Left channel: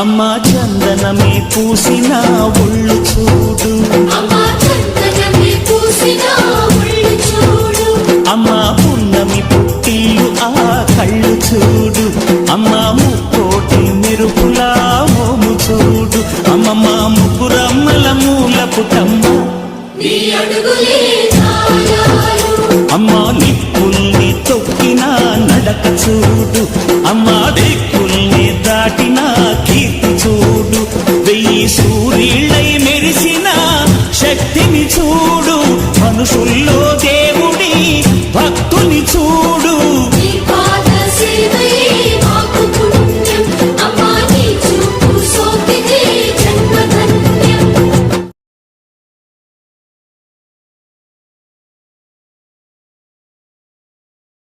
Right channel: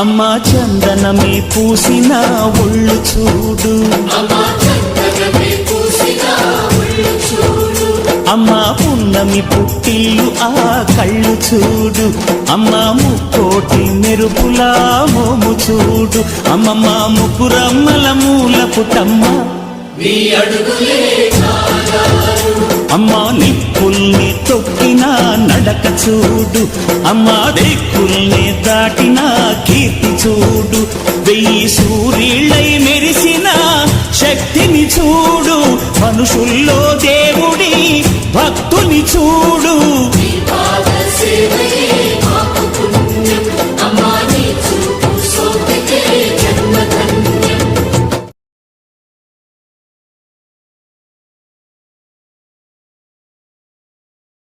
అమ్మా చందనమే పూసిన ఒళ్ళు చూడు, అమ్మా పున్నమి పుట్టిల్లు ఆ కళ్ళు చూడు, అమ్మా ముక్కోటి మెరుపులా మోము చూడు, అమ్మమ్మ ముగ్గురమ్మల మూల పుటమ్మ అమ్మా నిప్పుల్ని తొక్కిన నడక చూడు, అమ్మా దిక్కుల్ని దాటిన కీర్తి చూడు, 1000 సూర్యుళ్ళై మెరిసిన శక్తిని చూడు, మనుషుల్లో దేవుడి భక్తుని చూడు.